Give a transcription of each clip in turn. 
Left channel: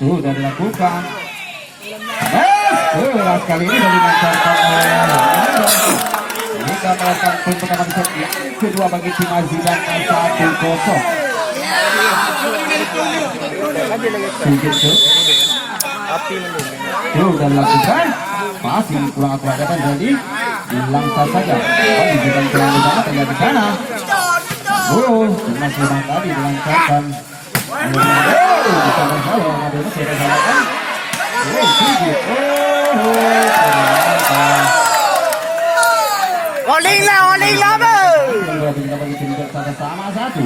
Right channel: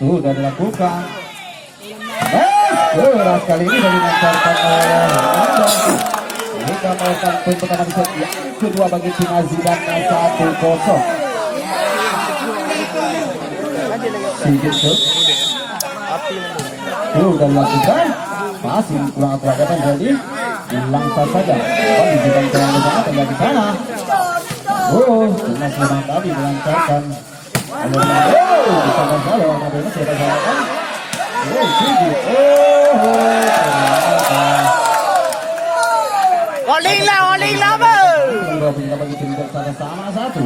Sudah dilakukan. Keras kali ini dari dilancarkan oleh Hingga melakukan poin pertama di set yang kedua bagi tim Azidan 1-0. Sedikit sudah dilakukan. Masih kurang akurat jadi dilangkah saja. Tadi bukan kurang ke sana, tinggal di sana. Timnas memang tadi dilancarkan. Bisa masalah, ada masih ada salahkan. Oling lah bagi tim sama satu.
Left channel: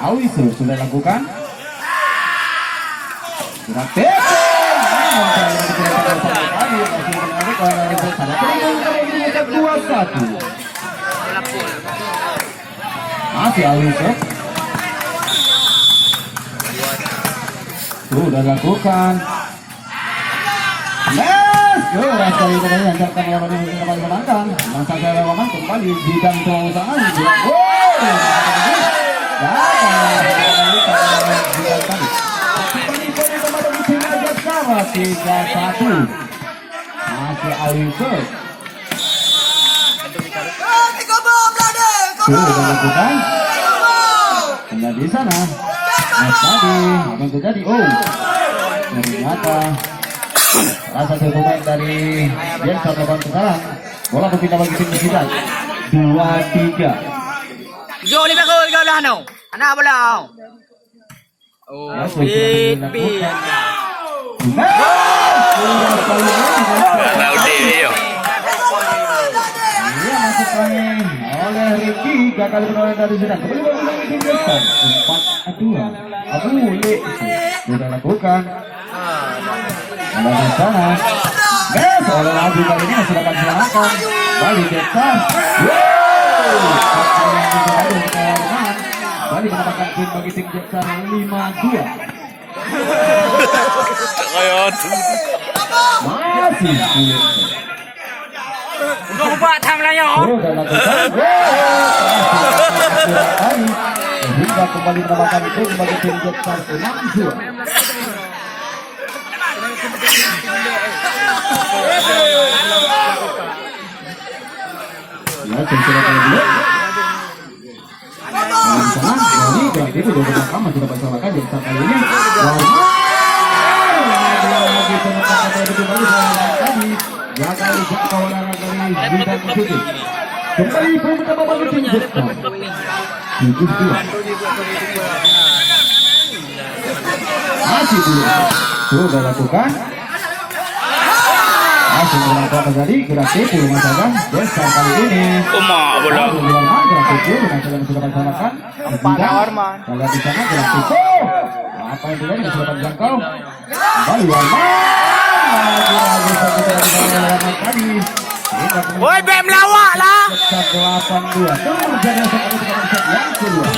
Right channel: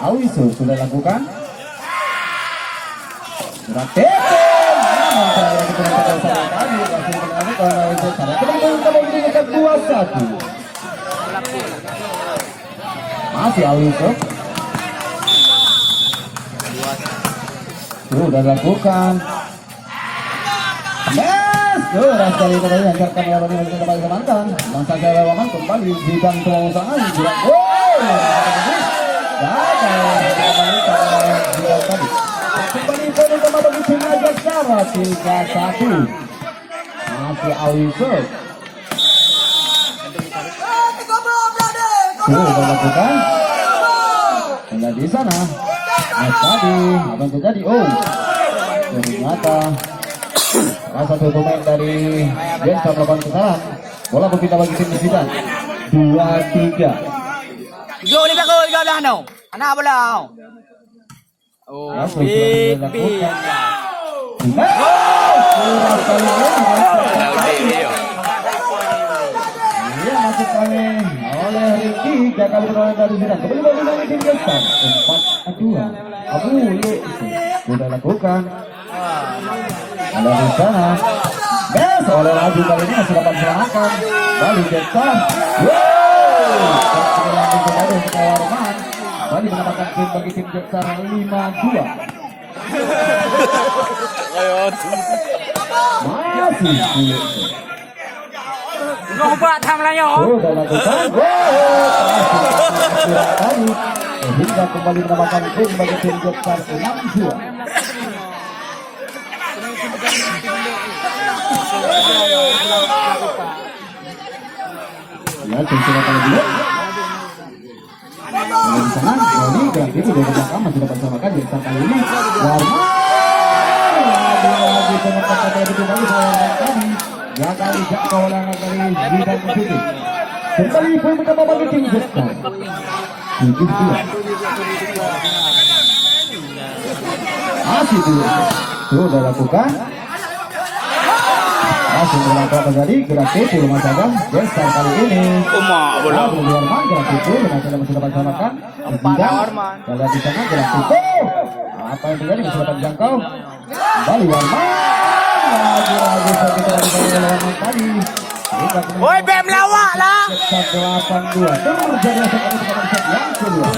Awisu sudah lakukan. Sudah masih Awisu. Sudah lakukan. Keras kali ini lancarkan lawan yang kembali kemantan. Dan saya lawan kembali di jantung usaha juga. Kembali tim Jakarta 3-1. Masih Alifer. Sudah lakukan. Tinggal di sana. Mas tadi apa yang terjadi? Ternyata salah satu pemain dari Jensa melakukan kesalahan. Bola berpindah bagi tim Azidan 2-3. Go ni bago, ikaw lang ano? Anak bola. Oleh Ricky gagal menolak dari Azidan. Kembali bagi tim Jensa 4-2. Sudah lakukan. Ada di sana. Oleh Laju kali ini masih dapat diselamatkan. Balik Jensa. Bali mendapatkan poin bagi tim Jensa 5-2. Masih sulit. Buat hamlanya. Sudah lakukan. Hingga kembali mendapatkan poin bagi tim Jensa 6-2. Ya, cengkeran kali dulu. Di sana, Wali berarti itu sudah pertama sudah bersamakan Jensa kali ini. Warman lagi penonton kata itu kembali tadi. Ya kali kawalan dari Azidan itu. Kembali poin pertama bagi tim Jensa. 7-2. Masih dulu. Sudah lakukan. Langsung berlaku terjadi gerak tipu rumah saja Jensa kali ini. Bola. Warman gerak tipu rumah saja sudah bersamakan. Kalau di sana gerak tipu. Apa yang terjadi masih dapat dijangkau. Kembali Warman. Lagi satu kali Warman tadi. Woi, bem lawak lah. 8-2. Terus jadi yang kedua.